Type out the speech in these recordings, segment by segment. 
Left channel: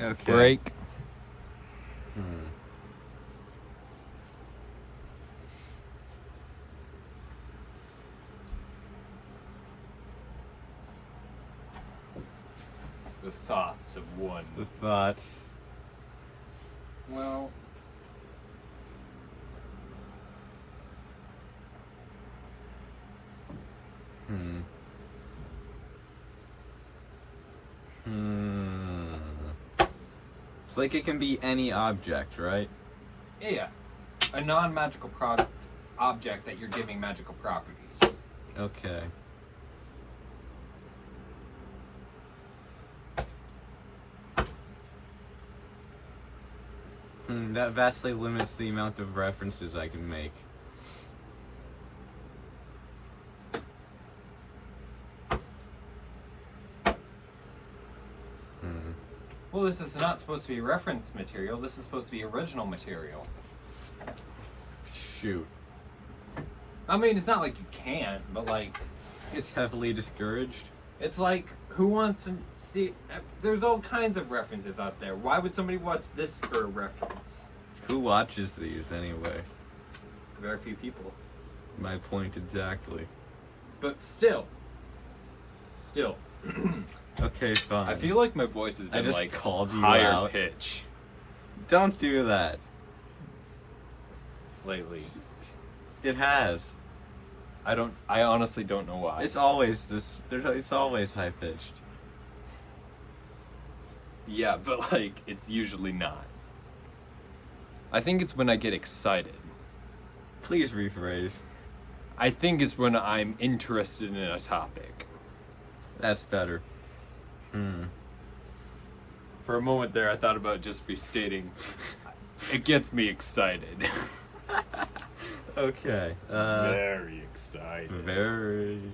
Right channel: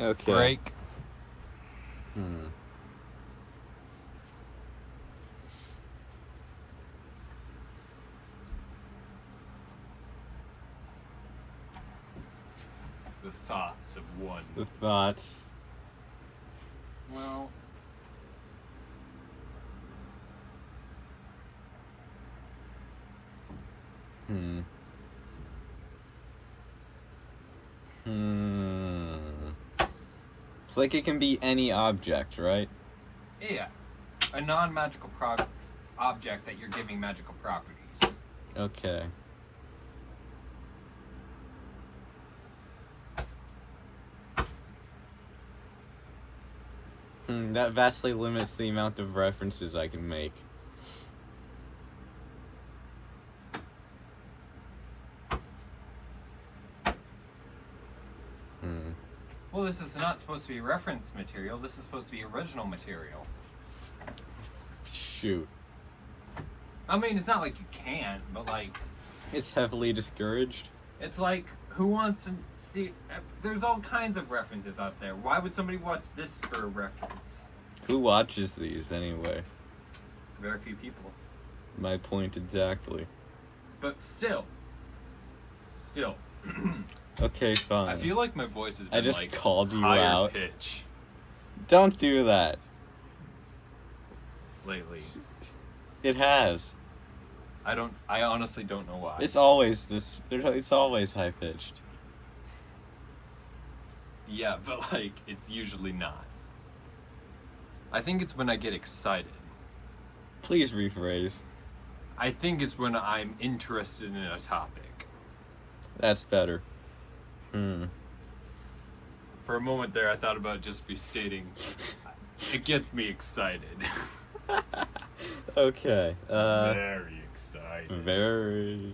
Okay. break. The thoughts of one. The thoughts. Well, It's like it can be any object, right? yeah. A non-magical object that you're giving magical properties. Okay. That vastly limits the amount of references I can make. Well, this is not supposed to be reference material. This is supposed to be original material. Shoot. I mean, it's not like you can't, but like... It's heavily discouraged. It's like, who wants to see... There's all kinds of references out there. Why would somebody watch this for a reference? Who watches these anyway? Very few people. My point exactly. But still. Okay, fine. I feel like my voice is I just like called you higher out. pitch Don't do that. lately. It has. I honestly don't know why. It's always this. It's always high pitched. Yeah, but like, it's usually not. I think it's when I get excited. Please rephrase. I think it's when I'm interested in a topic. That's better. For a moment there, I thought about just restating. It gets me excited. Okay. Very excited. Very.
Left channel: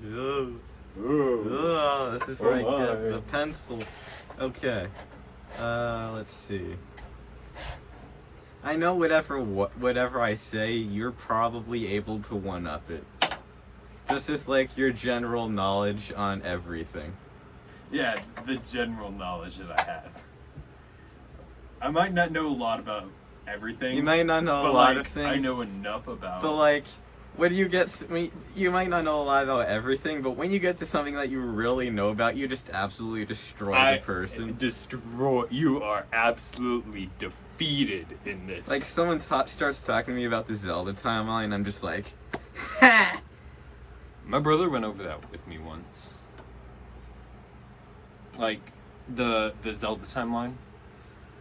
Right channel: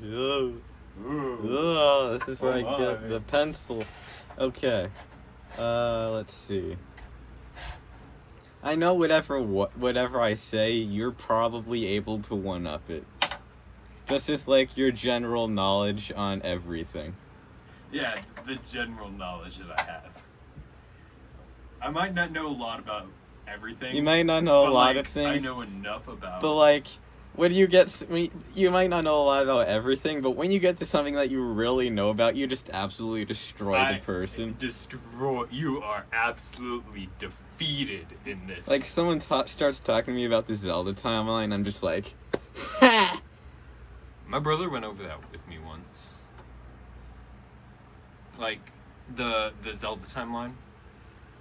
Ooh. This is where I get the pencil. Okay. Let's see. I know whatever I say, you're probably able to one-up it. Just with, like, your general knowledge on everything. Yeah, the general knowledge that I have. I might not know a lot about everything. You might not know a lot like, of things. I know enough about. But, like, when you get... You might not know a lot about everything, but when you get to something that you really know about, you just absolutely destroy the person. You are absolutely defeated in this. Like, someone starts talking to me about the Zelda timeline, I'm just like... Ha! My brother went over that with me once. Like, the Zelda timeline.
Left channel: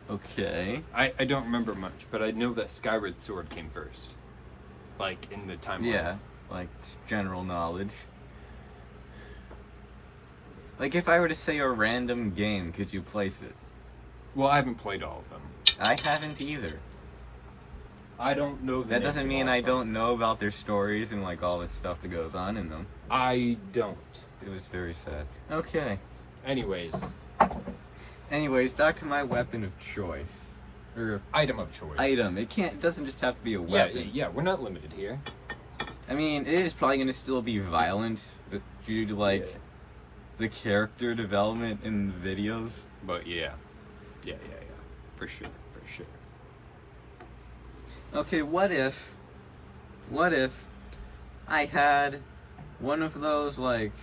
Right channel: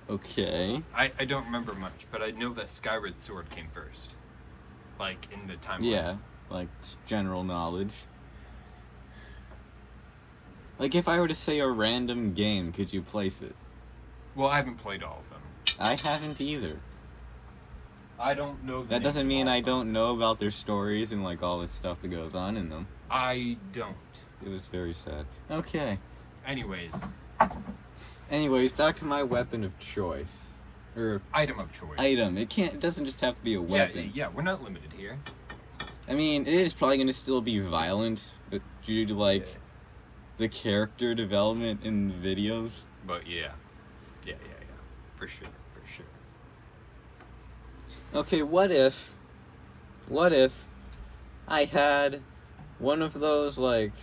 Okay. I don't remember much, but I know that Skyward Sword came first. Like, in the timeline. Yeah, like, general knowledge. Like, if I were to say a random game, could you place it? Well, I haven't played all of them. I haven't either. I don't know. That doesn't mean I don't know about their stories and, like, all the stuff that goes on in them. I don't. It was very sad. Okay. Anyways, back to my weapon of choice. Or item of choice. item. It doesn't just have to be a weapon. Yeah, we're not limited here. I mean, it is probably going to still be violent, but due to, like, the character development in the videos. But yeah. For sure. Okay, what if I had one of those, like,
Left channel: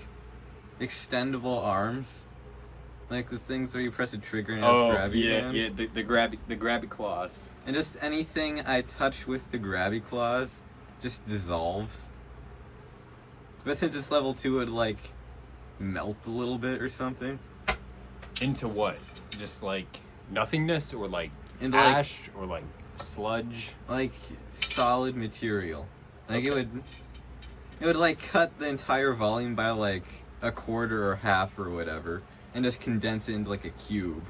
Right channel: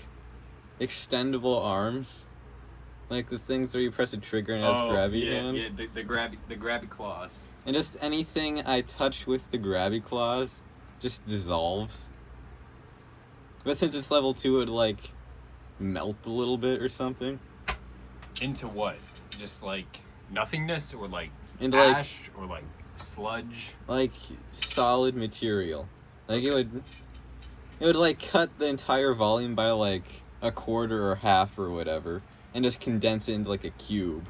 extendable arms? Like the things where you press a trigger and it has grabby hands? Yeah, the grabby claws. And just anything I touch with the grabby claws just dissolves. But since it's level 2, it would, like, melt a little bit or something. Into what? Just, like, nothingness? Or, like, into ash? Or, like, sludge? Like, solid material. Like, it would, like, cut the entire volume by, like, a quarter or half or whatever. And just condense it into, like, a cube.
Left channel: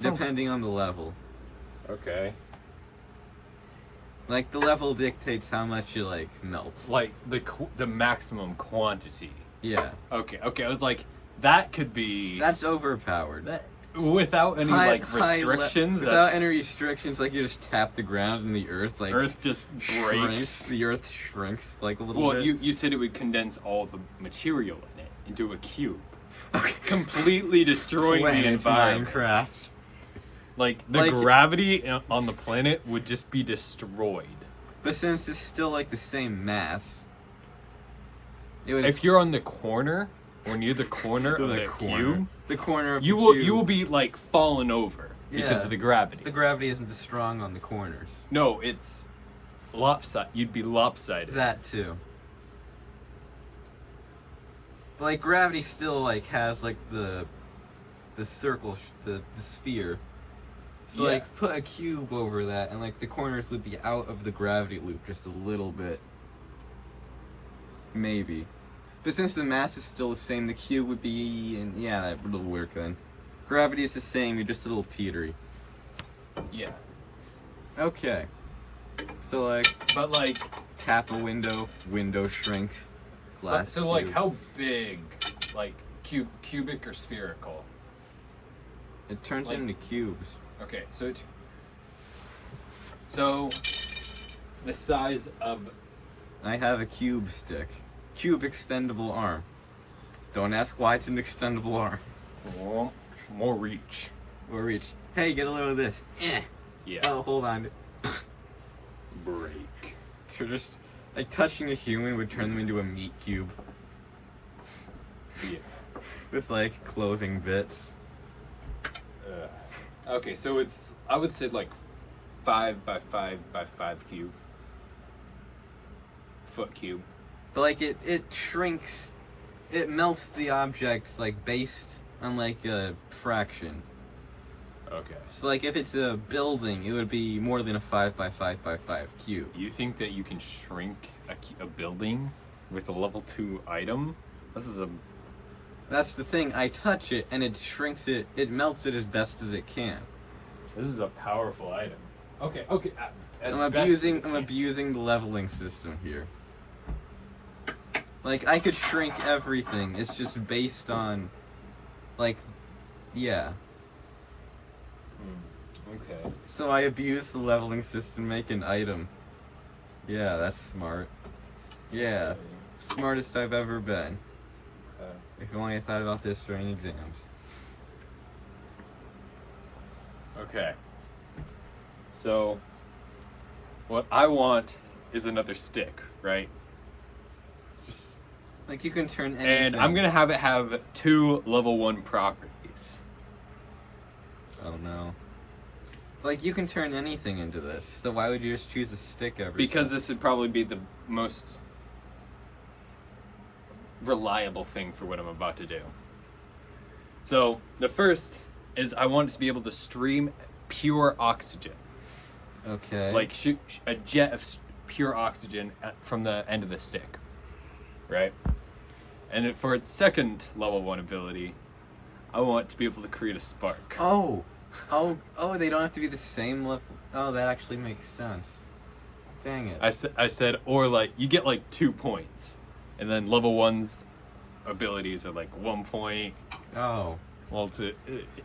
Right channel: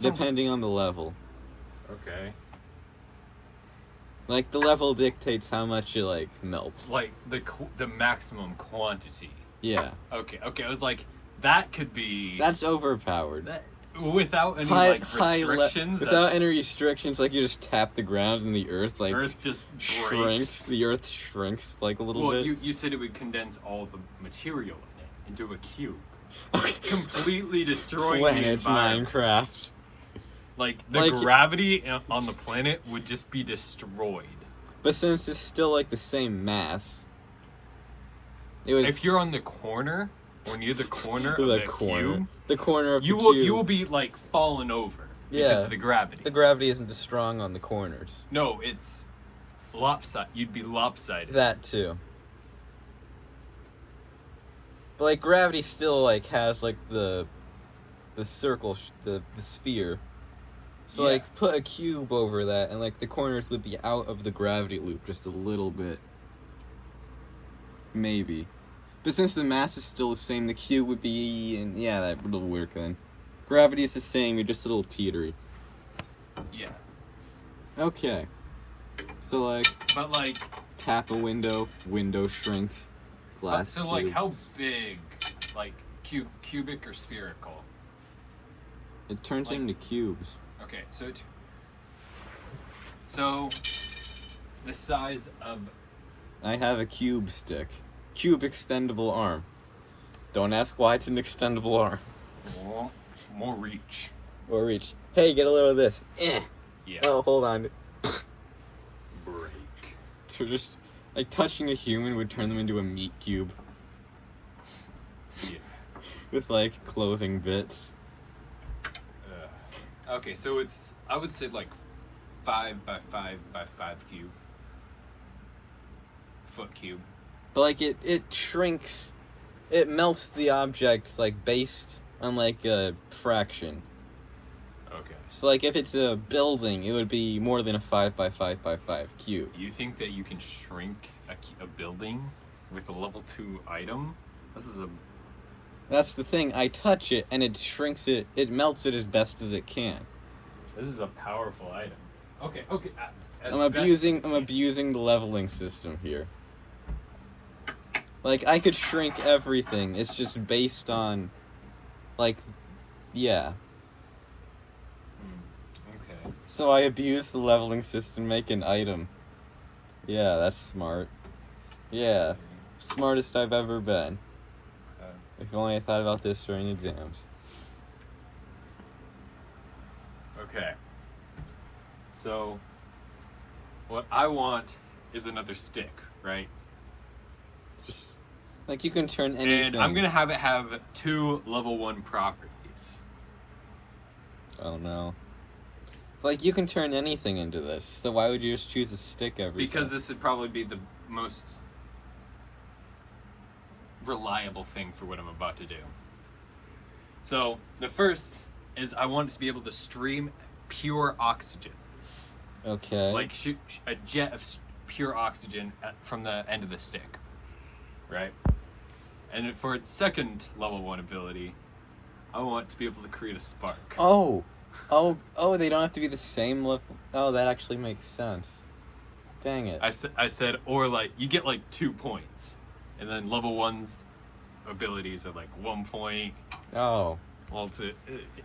Depending on the level. Okay. Like, the level dictates how much it, like, melts. Like, the maximum quantity. Yeah. Okay, I was like, that could be... That's overpowered. Without any, restrictions? Without any restrictions, like, you just tap the ground and the earth, like, Earth just shrinks. The earth shrinks, like, a little bit. You said it would condense all the material in it into a cube. Okay. completely destroying the Planet environment. Minecraft. Like the gravity on the planet would just be destroyed. But since it's still like the same mass, it would. If you're on the corner, or near the corner, the corner, the corner of you the will cube, you will be like falling over because of the gravity. The gravity isn't as strong on the corners. No, it's lopsided. You'd be lopsided. That too. But like gravity still like has like the circle, the sphere. So Yeah. like put a cube over that, and like the corners would be out of the gravity loop just a little bit. Maybe. But since the mass is still the same, the cube would be, and yeah, that would work then. Gravity is the same, you're just a little teetery. Yeah. Okay. So like, But like, tap a window, window shrinks, glass so cube. like, how big, like cubic or spherical? It turns into cubes. Okay, so the size of. I have a cube stick. Cube extendable arm. Don't ask why it's an extendable arm. More reach. Or reach. Hey, get a little of this. Eh. Yeah. Oh, hold on. Break. So just like touching a human would turn them into a meat cube. Yeah. With like clothing bits. Okay, so it's, I would say like 5 by 5 by 5 cube. Foot cube. But like it shrinks, it melts the object like based on like a fraction. Okay. So like if it's a building, it would be more than a 5 by 5 by 5 cube. You think that you can shrink a building with a level 2 item? This is a. That's the thing. I touch it and it shrinks it. It melts it as best as it can. This is a powerful item. Okay. Okay. I'm abusing the leveling system here. Like I could shrink everything. It's just based on, like, yeah. Okay. So I abuse the leveling system, make an item. Yeah, that's smart. Yeah, smartest I've ever been. If only I thought about this during exams. Okay. So, what I want is another stick, right? Just like you can turn anything. And I'm gonna have it have 2 level 1 properties. Oh no. Like you can turn anything into this. So why would you just choose a stick every time? Because this would probably be the most reliable thing for what I'm about to do. So the first is I want it to be able to stream pure oxygen. Okay. Like shoot a jet of pure oxygen from the end of the stick. Right? And then for its second level 1 ability, I want it to be able to create a spark. Oh, they don't have to be the same level. Oh, that actually makes sense. Dang it. I said, or like, you get like 2 points. And then level 1's abilities are like 1 point. Oh. Well,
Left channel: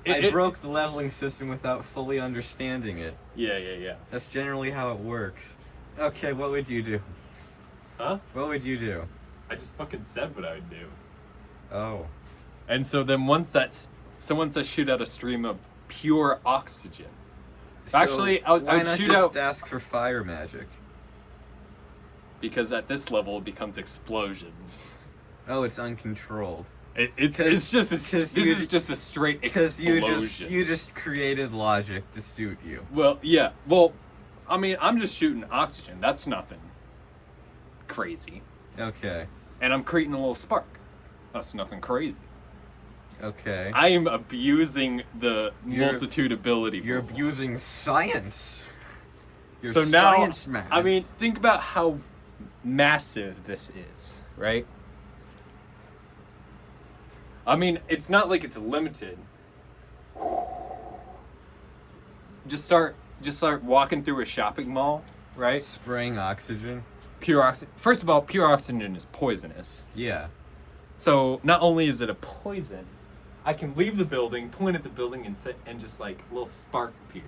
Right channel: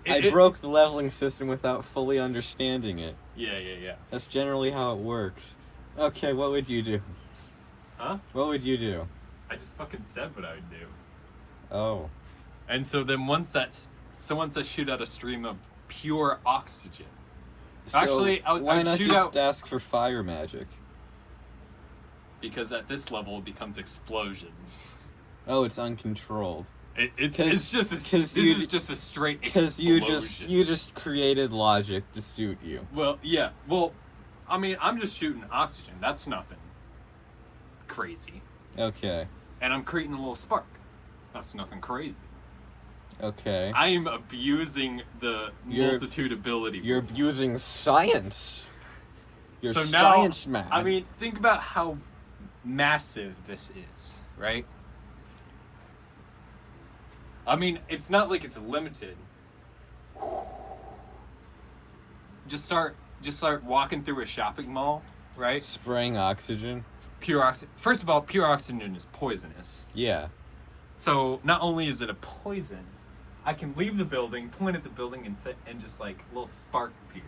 I broke the leveling system without fully understanding it. Yeah. That's generally how it works. Okay, what would you do? Huh? What would you do? I just fucking said what I would do. Oh. And so then once I shoot out a stream of pure oxygen. So Actually, why I'd not shoot just out, ask for fire magic? because at this level it becomes explosions. Oh, it's uncontrolled. It's just a straight Because explosion. you just created logic to suit you. Well, yeah. Well, I mean, I'm just shooting oxygen. That's nothing crazy. Okay. And I'm creating a little spark. That's nothing crazy. Okay. I am abusing the multitude ability. You're abusing science. You're So now, science man. I mean, think about how massive this is, right? I mean, it's not like it's limited. Just start walking through a shopping mall, right? Spraying oxygen. Pure oxygen. First of all, pure oxygen is poisonous. Yeah. So not only is it a poison, I can leave the building, point at the building, and sit and just like a little spark appears.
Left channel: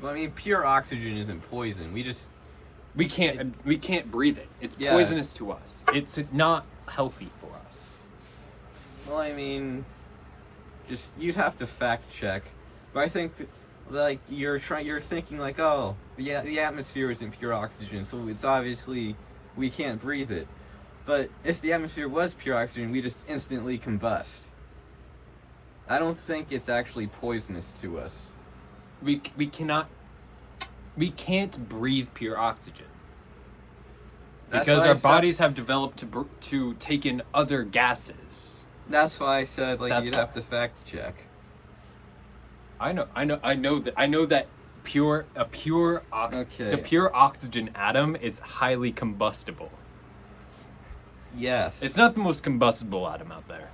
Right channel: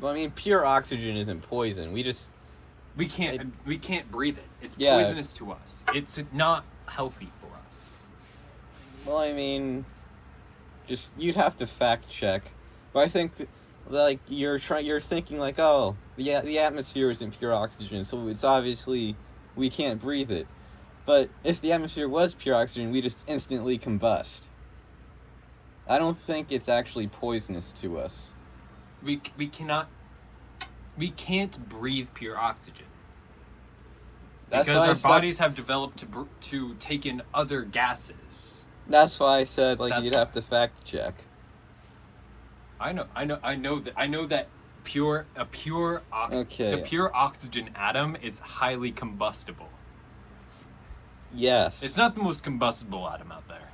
Well, I mean, pure oxygen isn't poison. We can't breathe it. It's Yeah. poisonous to us. It's not healthy for us. Well, I mean, just you'd have to fact check, but I think like you're thinking like, oh, the atmosphere isn't pure oxygen, so it's obviously we can't breathe it. But if the atmosphere was pure oxygen, we just instantly combust. I don't think it's actually poisonous to us. We can't breathe pure oxygen. That's Because why our bodies have developed to take in other gases. That's why I said like That's you'd have to fact check. I know that the pure oxygen atom is highly combustible. Yes. It's not the most combustible atom out there.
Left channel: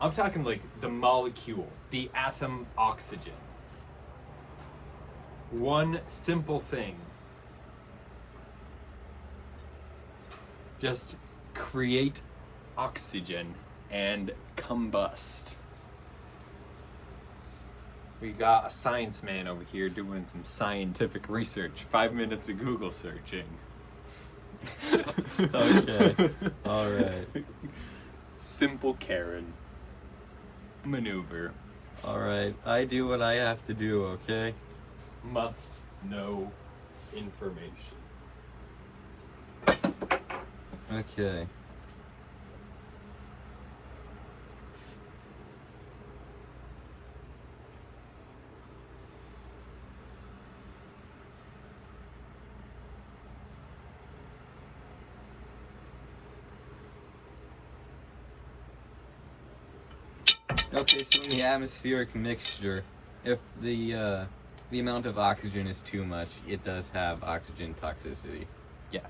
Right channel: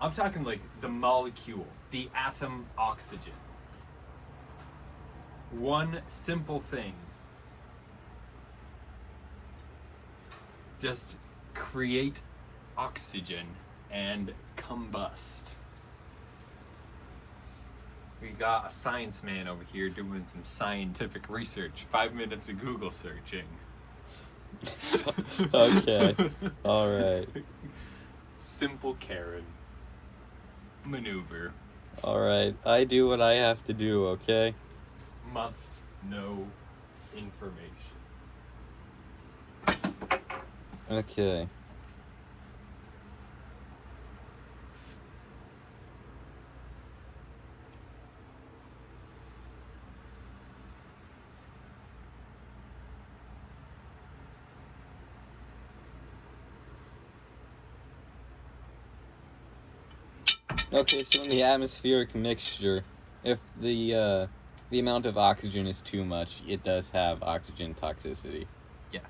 I'm talking like the molecule, the atom oxygen. One simple thing. Just create oxygen and combust. We got a science man over here doing some scientific research. 5 minutes of Google searching. Okay. All right. Simple Karen maneuver. All right. I do what I have to do, okay? Must know information. Okay. Okay, so in the atmospheric mixture, if the amount of oxygen is too much, it does have oxygen toxicity. Yeah.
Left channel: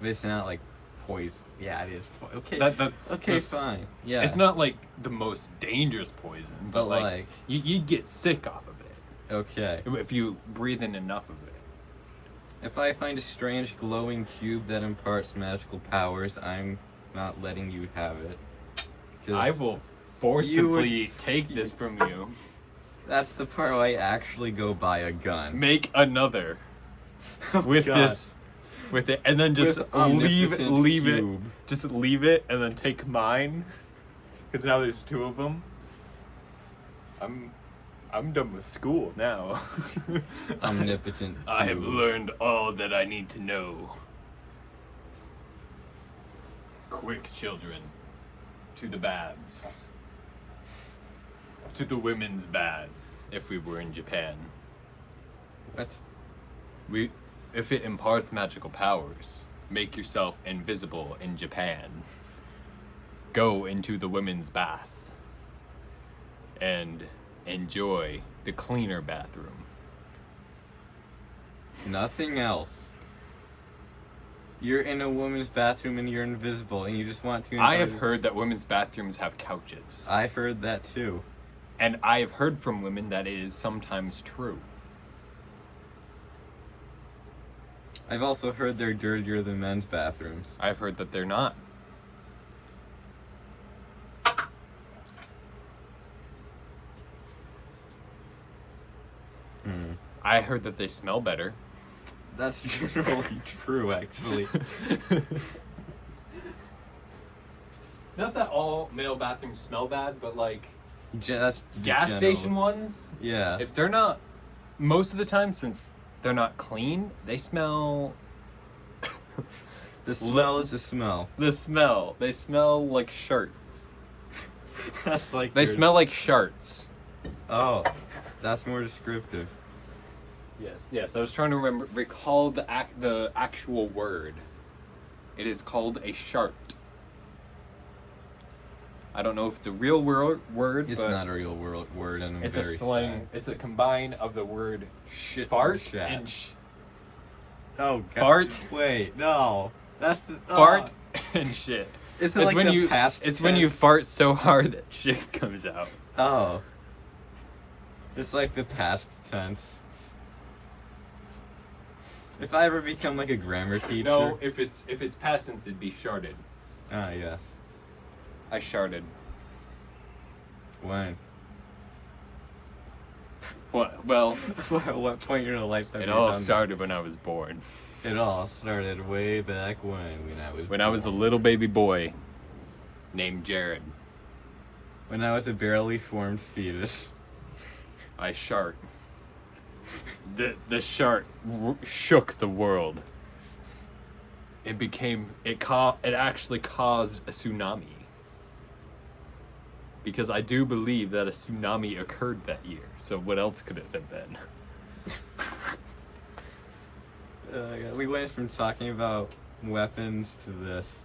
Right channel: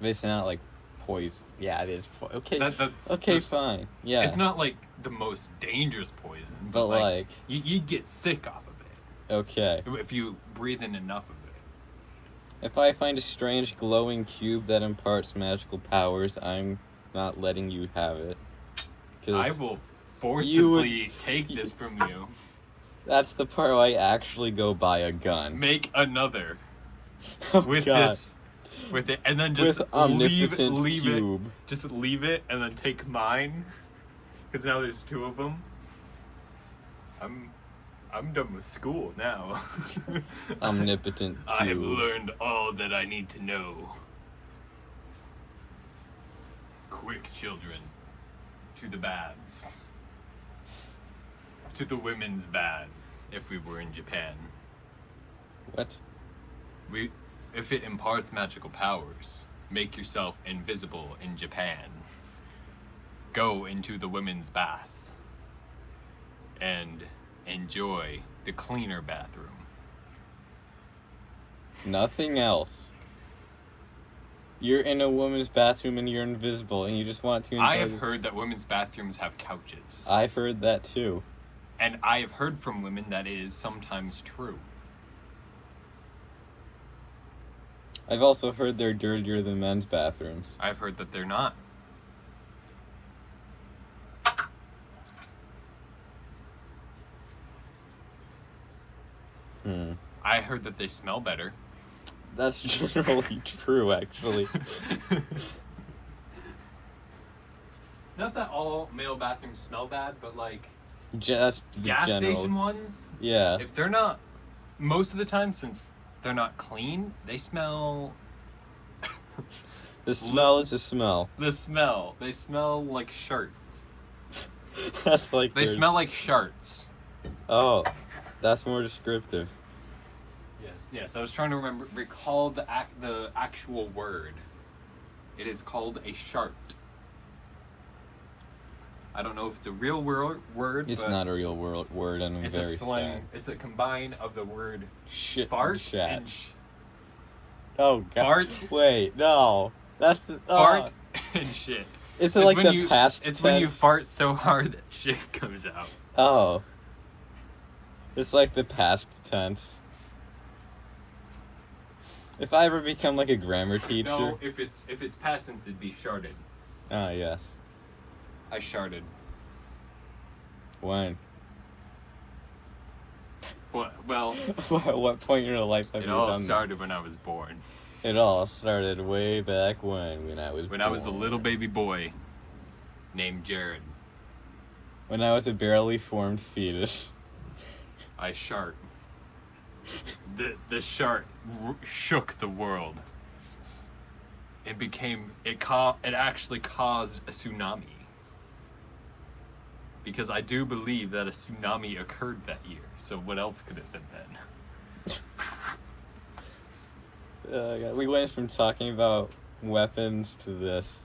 But it's not like poison. Yeah, it is. Okay. That's Fine. Yeah. It's not like the most dangerous poison, But like, you'd get sick off of it okay. if you breathe in enough of it. If I find a strange glowing cube that imparts magical powers, I'm not letting you have it. 'Cause I will forcibly take this from you. that's the part where I actually go buy a gun. Make another Oh, with God. this, with it, and then just With omnipotent leave cube. it. Just leave it, and then take mine, because now there's 2 of them. I'm done with school now. Omnipotent I've cube. learned all that I need to know. Quick, children, to the baths. To the women's baths, if we were in Japan. What? If it imparts magical powers, make yourself invisible in Japan. Go into the women's bath and enjoy the cleaner bathroom. Nothing else. You're in a woman's bathroom and you're invisible and you just want to... I have heard that women's bathrooms have couches. I've heard that too. And I've heard from women that it is sometimes true. I've also heard they're dirtier than men's bathrooms. I've heard that they're not. I heard that they smell better. That's generally true, actually. Not that all male bathrooms smell bad, but like Just gas general. station ones, Yeah. if they're not, most of the time, since they're not clean, they smell. The smell is a smell. The smell. They smell like shirts. That's like They their- smell like sharts. Oh, that's more descriptive. Yes. I was trying to recall the actual word. It is called a shart. I don't know if it's a real word. It's but not a real word, and I'm It's very a slang. sad. It's a combine of the word Shit. fart Chat. and Oh God. Fart. Wait, no. That's the fart and shit. Is it like when the you, past It's tense? when you fart so hard that shit comes out. Oh. It's like the past tense. If I ever become like a grammar teacher. No, if it's past tense, it'd be sharded. Ah, yes. I sharded. When? What? Well, At what point in your life have it you all done started when I was born. that? It all started way back when I was When I was a little baby boy. named Jared. When I was a barely formed fetus. I shark. The shark shook the world. It actually caused a tsunami. Because I do believe that a tsunami occurred that year. So what else could it have been? We went from talking about weapons to this.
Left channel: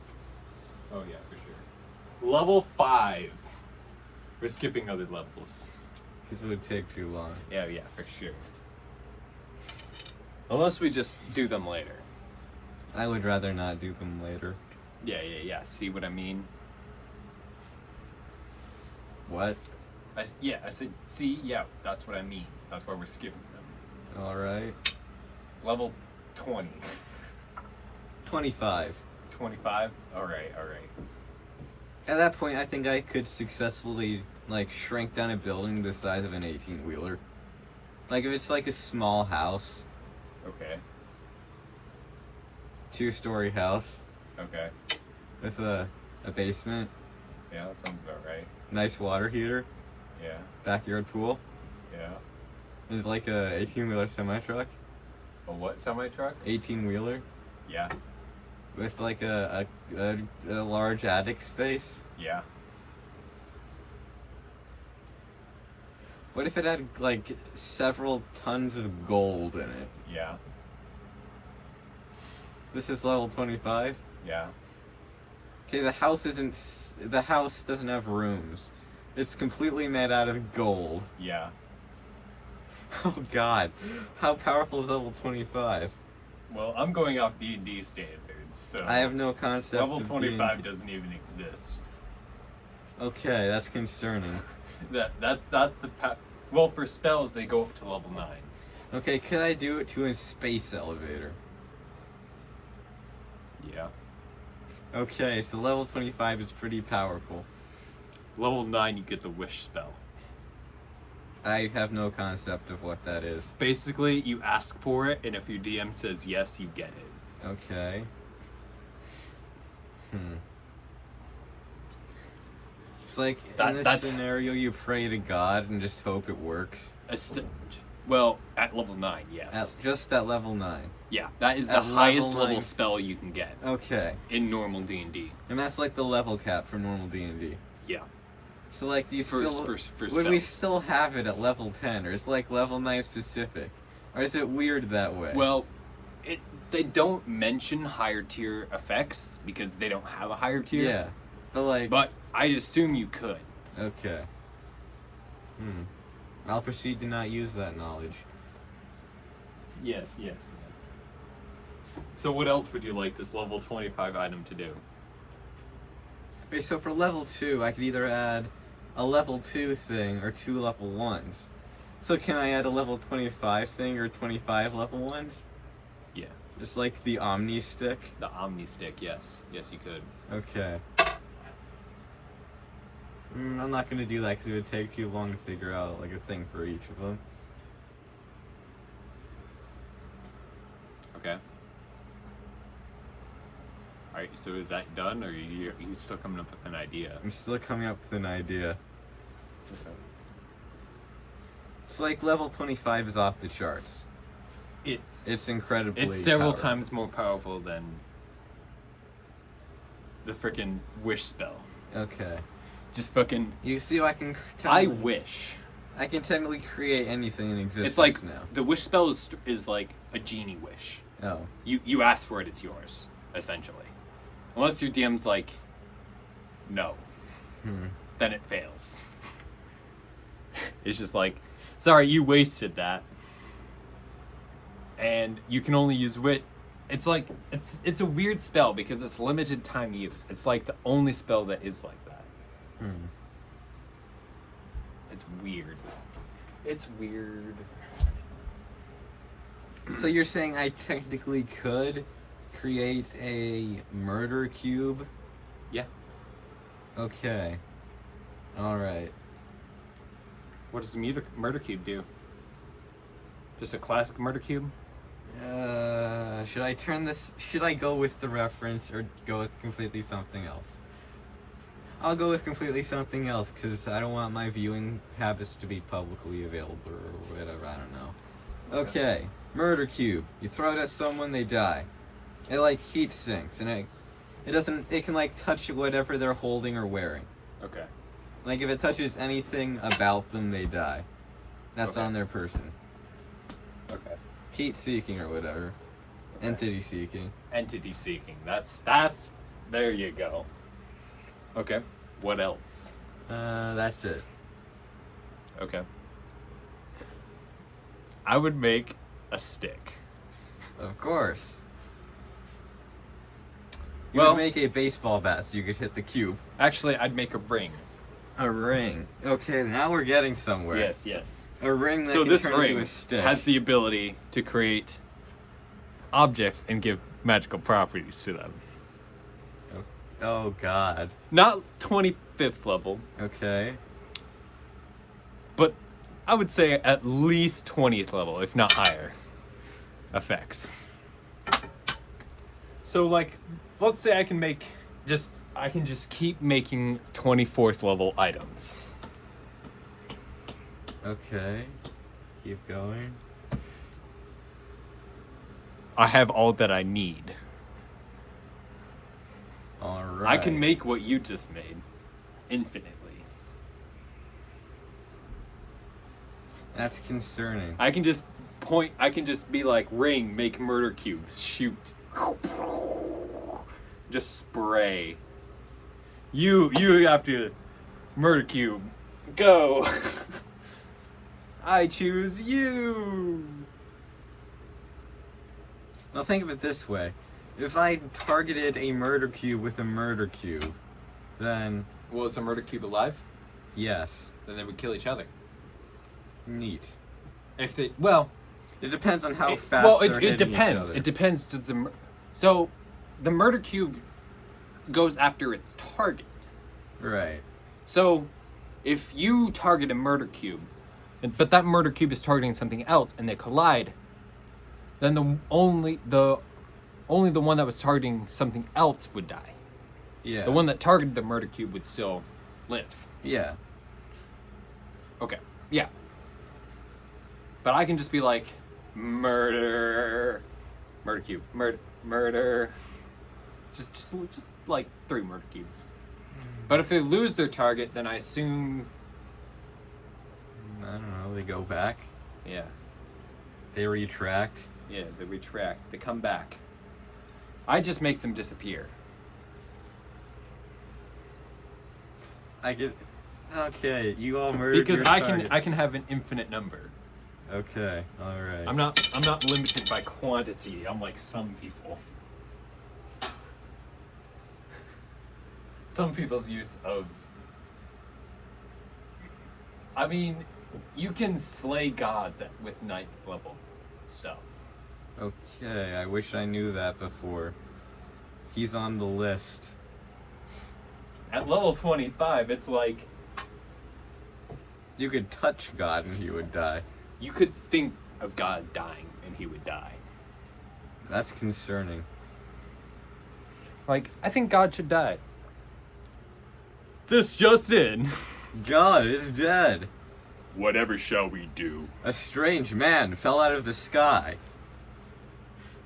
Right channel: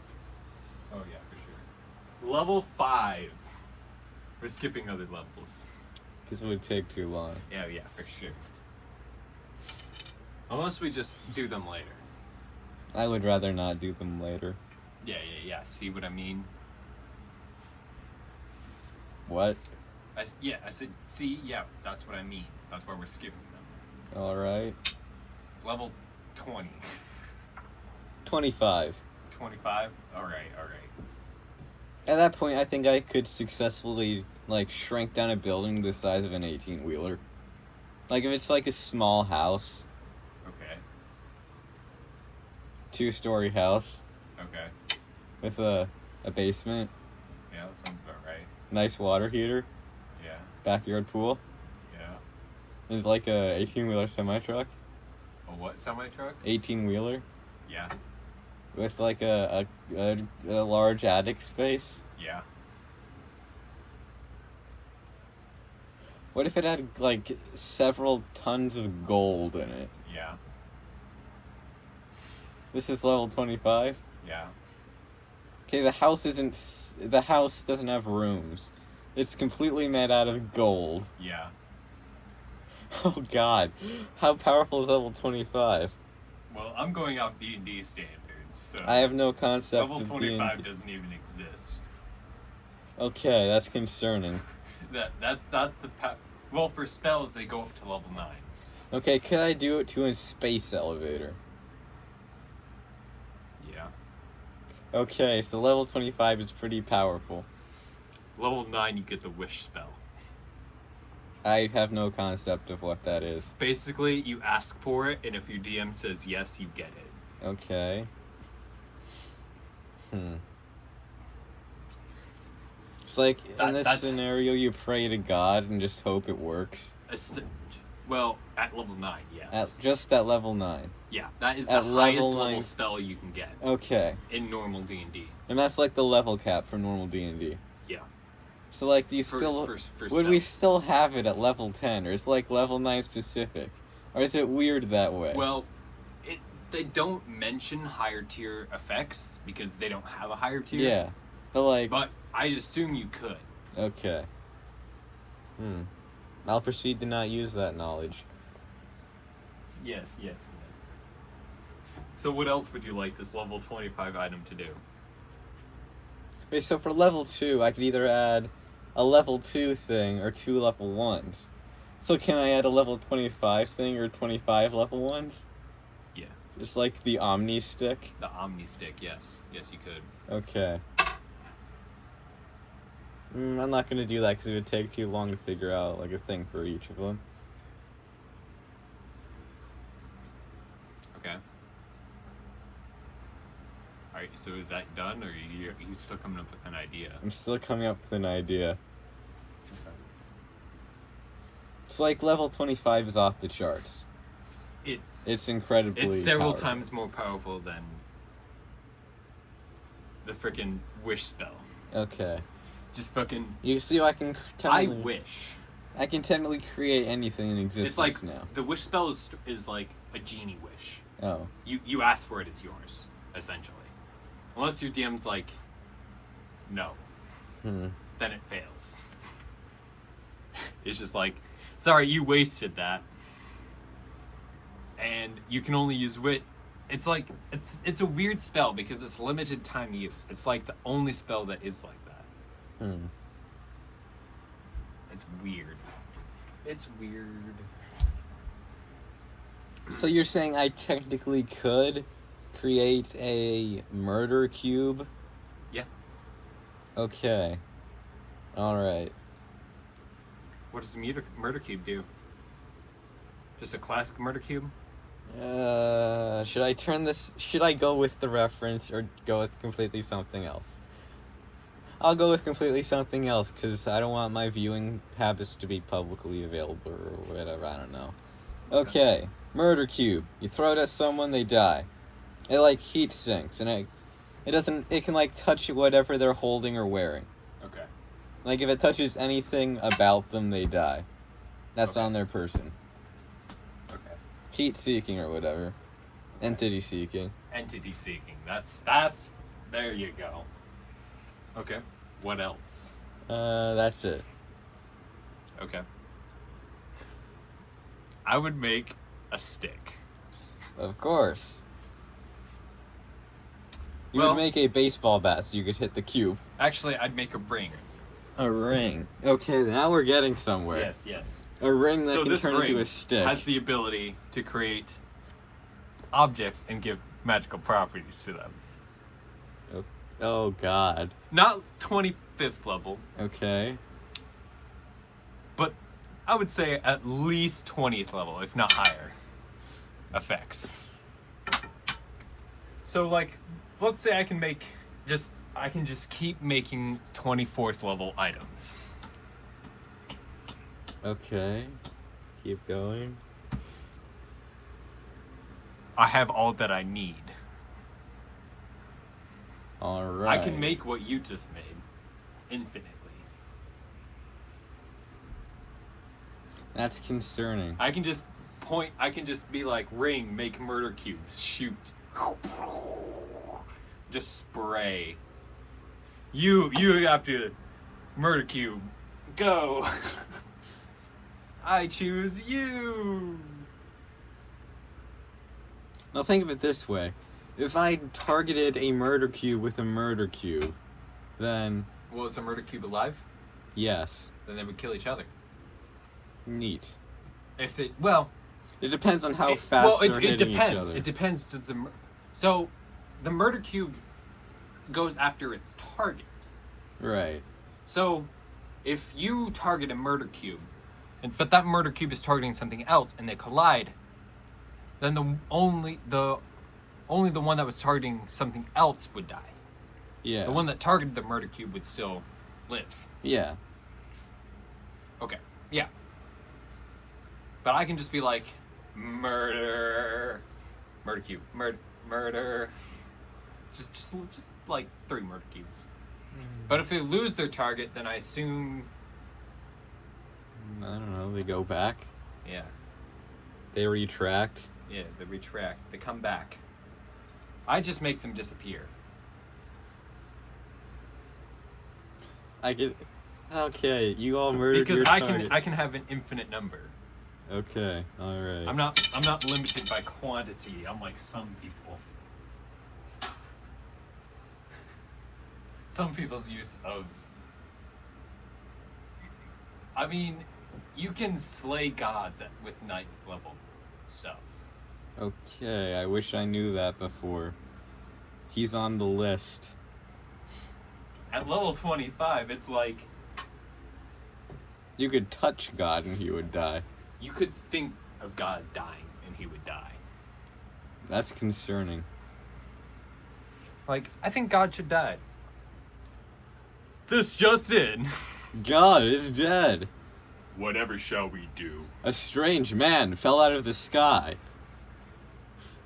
Oh yeah, for sure. Level 5. We're skipping other levels. Because it would take too long. Yeah, for sure. Unless we just do them later. I would rather not do them later. Yeah. See what I mean? What? I said, see, yeah, that's what I mean. That's why we're skipping them. Alright. Level 20. 25. 25? Alright. At that point, I think I could successfully, like, shrink down a building the size of an 18-wheeler. Like, if it's like a small house. Okay. 2-story house. Okay. With a basement. Yeah, that sounds about right. Nice water heater. Yeah. Backyard pool. Yeah. It's like a 18-wheeler semi-truck. A what semi-truck? 18-wheeler. Yeah. With like a large attic space. Yeah. What if it had like several tons of gold in it? Yeah. This is level 25? Yeah. Okay, the house doesn't have rooms. It's completely made out of gold. Yeah. Oh god. How powerful is level 25? Well, I'm going off D&D standards, so I have no concept level of 25 D&D. doesn't even exist. Okay, that's concerning. That's the well, for spells they go up to level 9. Okay, could I do it to a space elevator? Yeah. Okay, so level 25 is pretty powerful. Level 9 you get the wish spell. I have no concept of what that is. Basically, you ask for it, and if your DM says yes, you get it. Okay. It's like, in this scenario, you pray to God and just hope it works. Well, at level 9, yes. Just at level 9. Yeah, that is the At highest level level 9. spell you can get Okay. in normal D&D. And that's like the level cap for normal D&D. Yeah. So like, do you would we still have it at level 10, or is like level 9 specific? Or is it weird that way? Well, they don't mention higher tier effects because they don't have a higher tier. Yeah. But like... But I assume you could. Okay. I'll proceed to not use that knowledge. Yes. So what else would you like this level 25 item to do? Okay, so for level 2, I could either add a level 2 thing or 2 level 1s. So can I add a level 25 thing or 25 level 1s? Yeah. Just like the Omni Stick? The Omni Stick, yes. Yes, you could. Okay. I'm not gonna do that because it would take too long to figure out like a thing for each of them. Okay. Alright, so is that done, or are you still coming up with an idea? I'm still coming up with an idea. It's like level 25 is off the charts. It's incredibly It's several powerful. times more powerful than the freaking wish spell. Okay. Just fucking... You see, I can I wish. I can technically create anything in existence It's like, now. the wish spell is like a genie wish. Oh. You ask for it, it's yours, essentially. Unless your DM's like, no. Then it fails. It's just like, sorry, you wasted that. And you can only use wit. It's like, it's a weird spell because it's limited time use. It's like the only spell that is like that. It's weird. It's weird. So you're saying I technically could create a murder cube? Yeah. Okay. Alright. What does the murder cube do? Just a classic murder cube? Should I go with the reference or go with completely something else? I'll go with completely something else because I don't want my viewing habits to be publicly available or whatever. I don't know. Okay, murder cube. You throw it at someone, they die. It like heat sinks, and it doesn't. It can like touch whatever they're holding or wearing. Okay. Like if it touches anything about them, they die. That's Okay. on their person. Okay. Heat seeking or whatever. Entity seeking. Entity seeking. That's. There you go. Okay. What else? That's it. Okay. I would make a stick. Of course. You Well- would make a baseball bat so you could hit the cube. Actually, I'd make a ring. A ring. Okay, now we're getting somewhere. Yes, yes. A ring that So can this turn ring into a stick. has the ability to create objects and give magical properties to them. Oh god. Not 25th level, Okay. but I would say at least 20th level, if not higher, effects. So like, let's say I can just keep making 24th level items. Okay. Keep going. I have all that I need. Alright. I can make what you just made infinitely. That's concerning. I can just be like, ring, make murder cubes, shoot. Just spray. You have to murder cube. Go. I choose you. Now think of it this way. If I targeted a murder cube with a murder cube, then Well, is a murder cube alive? yes. Then they would kill each other. Neat. If they, It depends on how fast they're hitting each depends. other. It depends. So the murder cube goes after its target. Right. So if you target a murder cube, but that murder cube is targeting something else, and they collide, then the only the one that was targeting something else would die. Yeah. The one that targeted the murder cube would still live. Yeah. Okay. Yeah. But I can just be like, murder cube, murder. Just like 3 murder cubes. But if they lose their target, then I assume, I don't know, they go back. yeah, They retract. they retract, they come back. I just make them disappear. I get. Okay, you all murdered your Because target. I can have an infinite number. Okay, alright. I'm not limited by quantity, unlike some people. Some people's use of, I mean, you can slay gods with 9th level stuff. Okay, I wish I knew that before. He's on the list. At level 25, it's like, You could touch God and he would die. you could think of God dying and he would die. That's concerning. Like, I think God should die. This just in. God is dead. Whatever shall we do? A strange man fell out of the sky,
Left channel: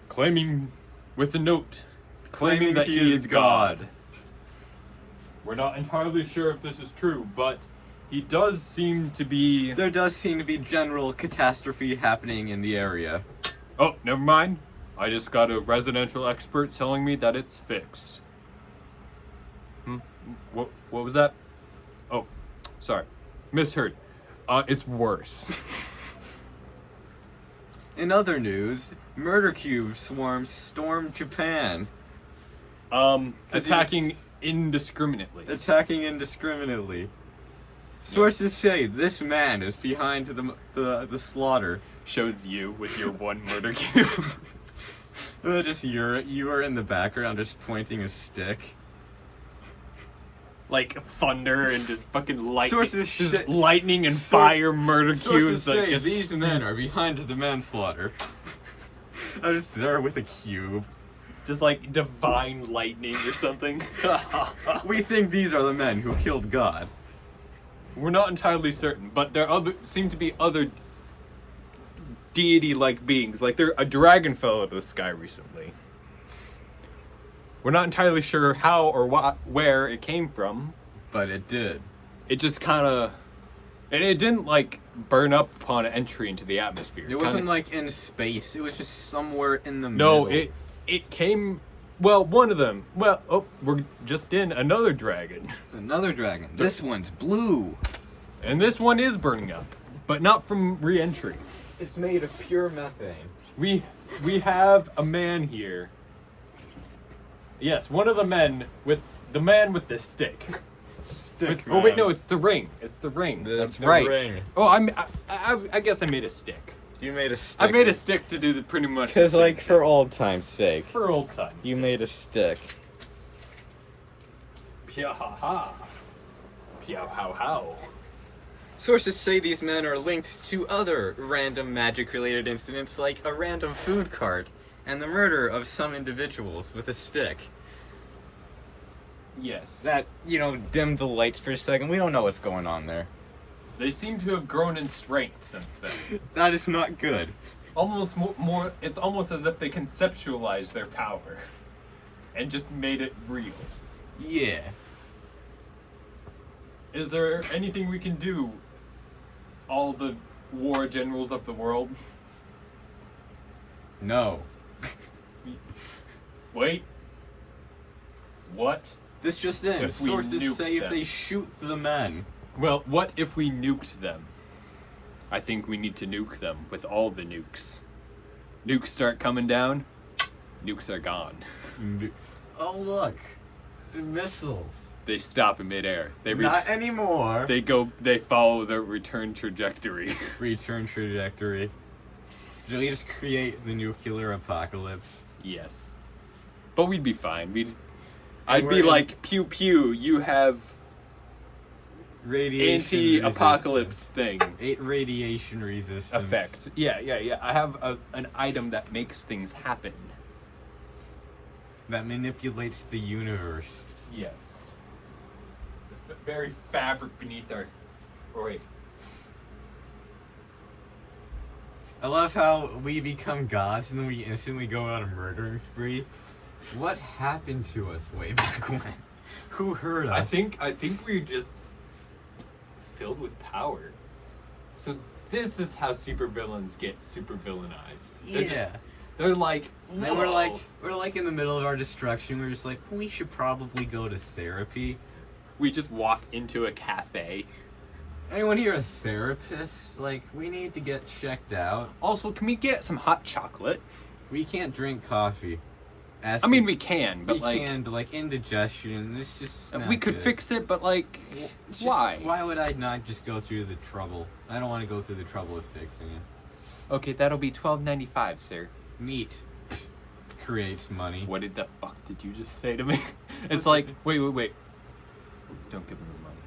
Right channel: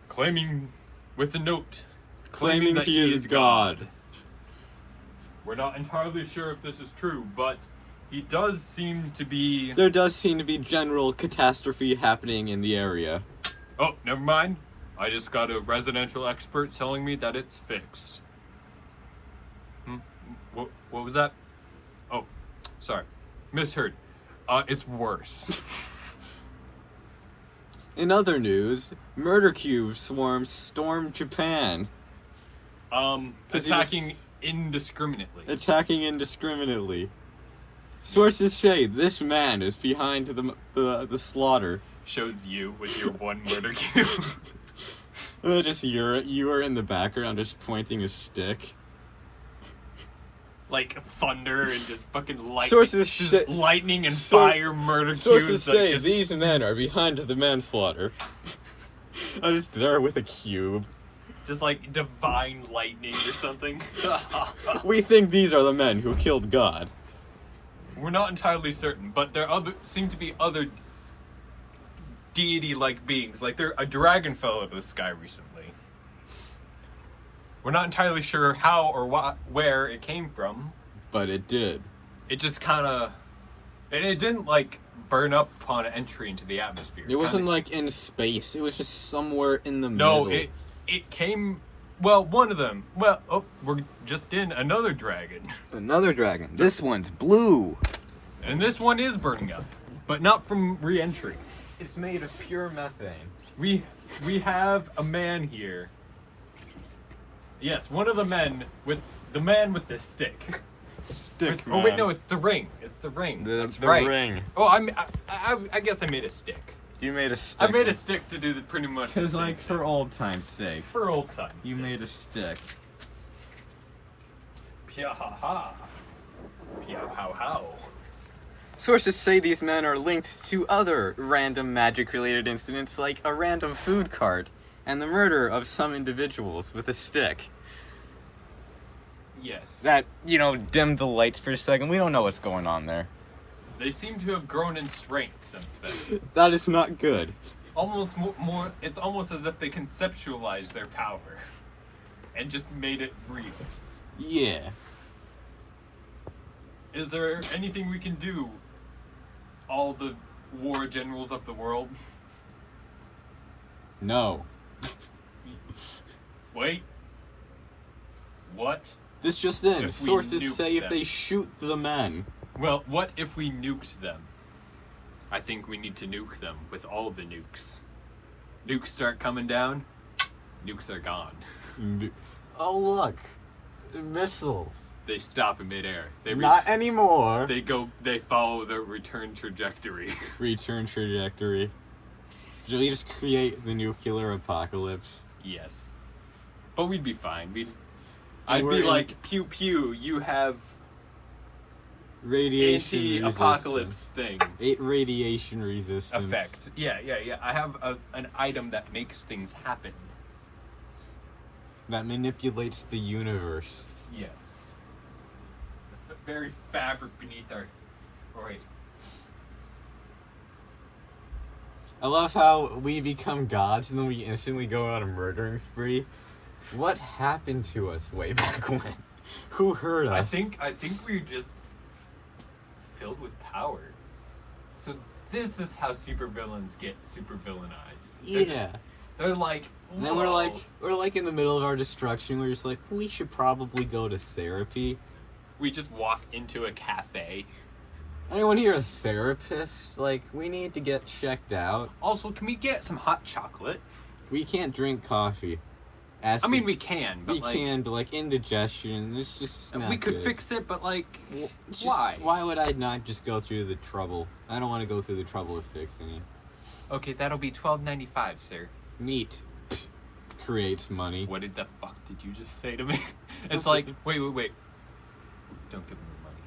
Claiming with a note. claiming that he is God. We're not entirely sure if this is true, but he does seem to be... There does seem to be general catastrophe happening in the area. Oh, never mind. I just got a residential expert telling me that it's fixed. What was that? Oh, sorry. Misheard. It's worse. In other news, murder cube swarms storm Japan. 'Cause he Attacking indiscriminately. Attacking indiscriminately. Sources say this man is behind the slaughter. Shows you with your one murder cube. And then just you are in the background just pointing a stick. Like thunder and just fucking lightning. Sources just say- lightning and Sor- fire murder Sources cubes. like, say just- these men are behind the manslaughter. I'm just there with a cube. This like divine lightning or something. We think these are the men who killed God. We're not entirely certain, but there seem to be other deity-like beings. Like a dragon fell out of the sky recently. We're not entirely sure how or where it came from. But it did. It just kind of, and it didn't like burn up upon entry into the atmosphere. It wasn't like in space. It was just somewhere in the middle. No, it came. Well, one of them. Well, oh, we're just in another dragon. Another dragon. This one's blue. And this one is burning up, but not from re-entry. It's made of pure methane. We have a man here. Yes, one of the men with the stick. Stick Oh wait, no, it's the ring. It's the ring. That's the right. ring. Oh, I guess I made a stick. You made a stick. I made a stick to do pretty much. Because, the same like, for thing. old time's sake. For old times. You made a stick. Pia ha ha. Pia how how. Sources say these men are linked to other random magic-related incidents, like a random food cart and the murder of some individuals with a stick. Yes. That, dimmed the lights for a second. We don't know what's going on there. They seem to have grown in strength since then. That is not good. Almost more. It's almost as if they conceptualized their power and just made it real. Yeah. Is there anything we can do? All the war generals of the world. No. Wait. What? This just in. If we Sources nuke say if them. they shoot the men. Well, what if we nuked them? I think we need to nuke them with all the nukes. Nukes start coming down, nukes are gone. Oh, look. Missiles. They stop in midair. Not anymore. They follow their return trajectory. Return trajectory. Should we just create the nuclear apocalypse? Yes. But we'd be fine. And I'd we're be in- like, pew pew, you have Radiation anti-apocalypse thing. 8 radiation resistance. Effect. Yeah. I have an item that makes things happen. That manipulates the universe. Yes. The very fabric beneath our... Or wait. I love how we become gods and then we instantly go on a murdering spree. What happened to us way back when? Who hurt us? I think we're just filled with power. So this is how supervillains get supervillainized. Yeah. They're like, And then we're like in the middle of our destruction. We're just like, we should probably go to therapy. we just walk into a cafe. Anyone here a therapist? Like, we need to get checked out. Also, can we get some hot chocolate? We can't drink coffee. I mean, we can, but we can, but like indigestion, it's just not we could good. fix it, but like, It's just- why? Why would I not just go through the trouble? I don't want to go through the trouble of fixing it. Okay, that'll be $12.95, sir. Neat. Creates money. What the fuck did you just say to me? It's like, wait. Don't give me the money.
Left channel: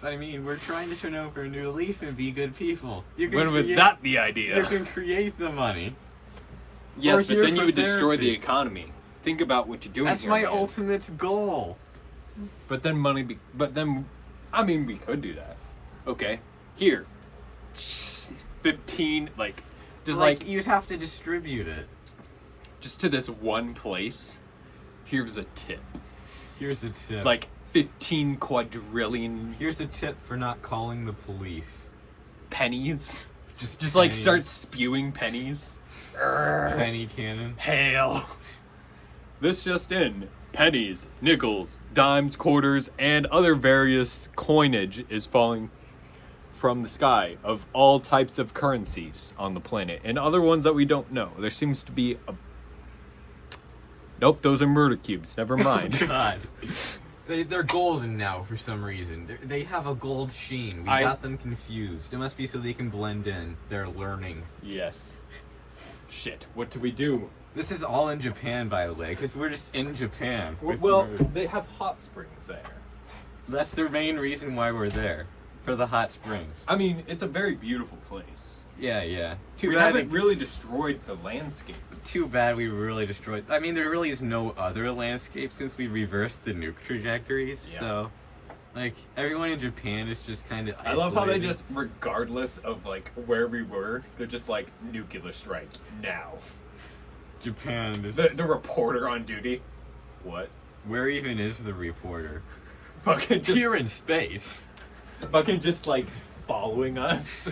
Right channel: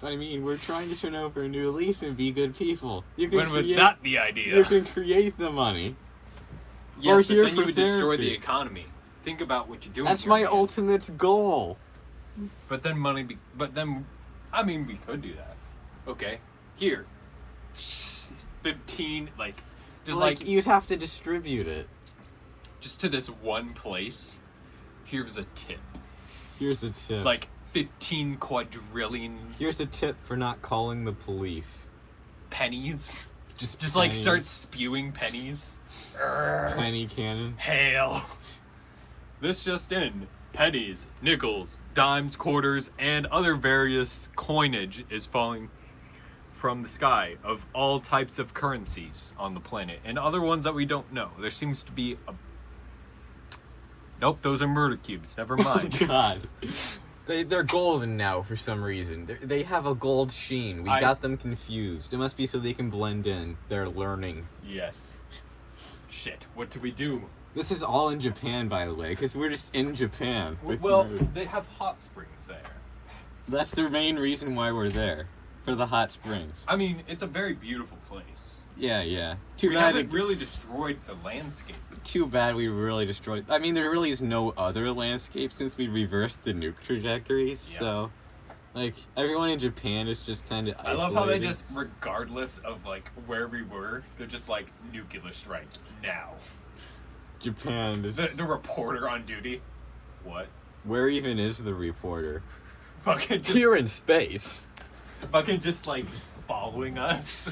But I mean, we're trying to turn over a new leaf and be good people. You can What if it's create. not the idea? You can create the money. Yes, We're but here then you for would destroy therapy. the economy. Think about what you're doing. That's here, my man. ultimate goal. But then I mean, we could do that. Okay, here, 15, just Like, you'd have to distribute it. just to this one place. Here's a tip. Here's a tip. Like 15 quadrillion Here's a tip for not calling the police. pennies. Just Like pennies. start spewing pennies. Penny cannon. Hail. This just in. Pennies, nickels, dimes, quarters, and other various coinage is falling from the sky of all types of currencies on the planet, and other ones that we don't know. There seems to be a... Nope, those are murder cubes. Never mind. Oh, God. They're golden now for some reason. They have a gold sheen. We got them confused. It must be so they can blend in. They're learning. Yes. Shit, what do we do? This is all in Japan, by the way, because we're just in Japan. with Well, murder. they have hot springs there. That's the main reason why we're there. For the hot springs. I mean, it's a very beautiful place. Yeah. Too We bad. haven't really destroyed the landscape. Too bad we really destroyed. I mean, there really is no other landscape since we reversed the nuke trajectories. Yeah. So, like, everyone in Japan is just kind of I isolated. love how they just, regardless of like where we were, they're just like nuclear strike now. Japan is. The reporter on duty. What? Where even is the reporter? Fucking just, Here in space. fucking just like following us.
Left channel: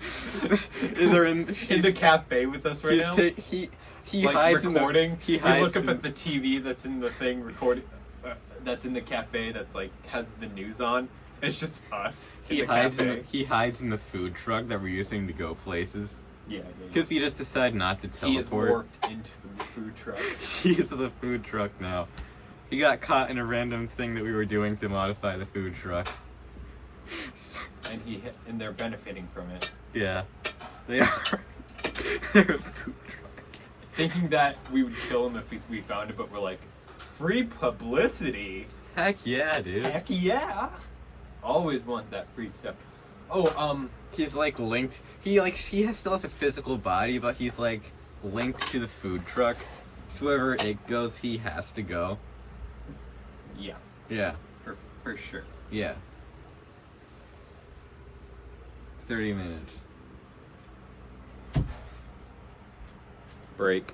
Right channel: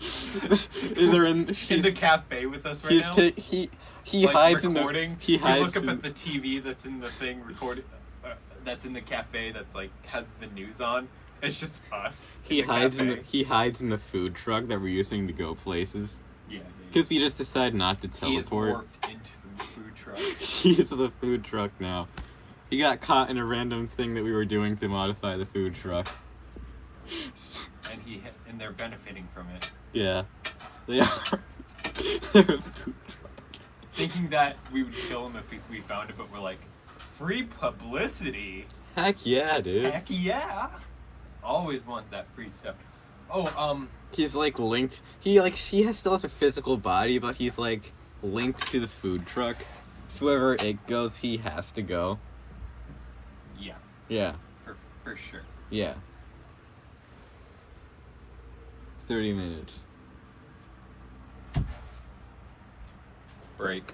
Is there in? In the cafe with us right He's now. he Like, hides recording. in the. He hides You look in. up at the TV that's in the thing recording. That's in the cafe. That's like has the news on. It's just us. He hides in the. cafe. He hides in the food truck that we're using to go places. Yeah. Because we just decided not to he is teleport. warped into the food truck. He's the food truck now. He got caught in a random thing that we were doing to modify the food truck. And they're benefiting from it. Yeah, they are. They're a food truck. Thinking that we would kill him if we found it, but we're like, free publicity. Heck yeah, dude. Heck yeah. Always want that free stuff. Oh, He's like linked. Still has a physical body, but he's like linked to the food truck. So wherever it goes, he has to go. yeah, Yeah, for sure. yeah. 30 minutes. Break.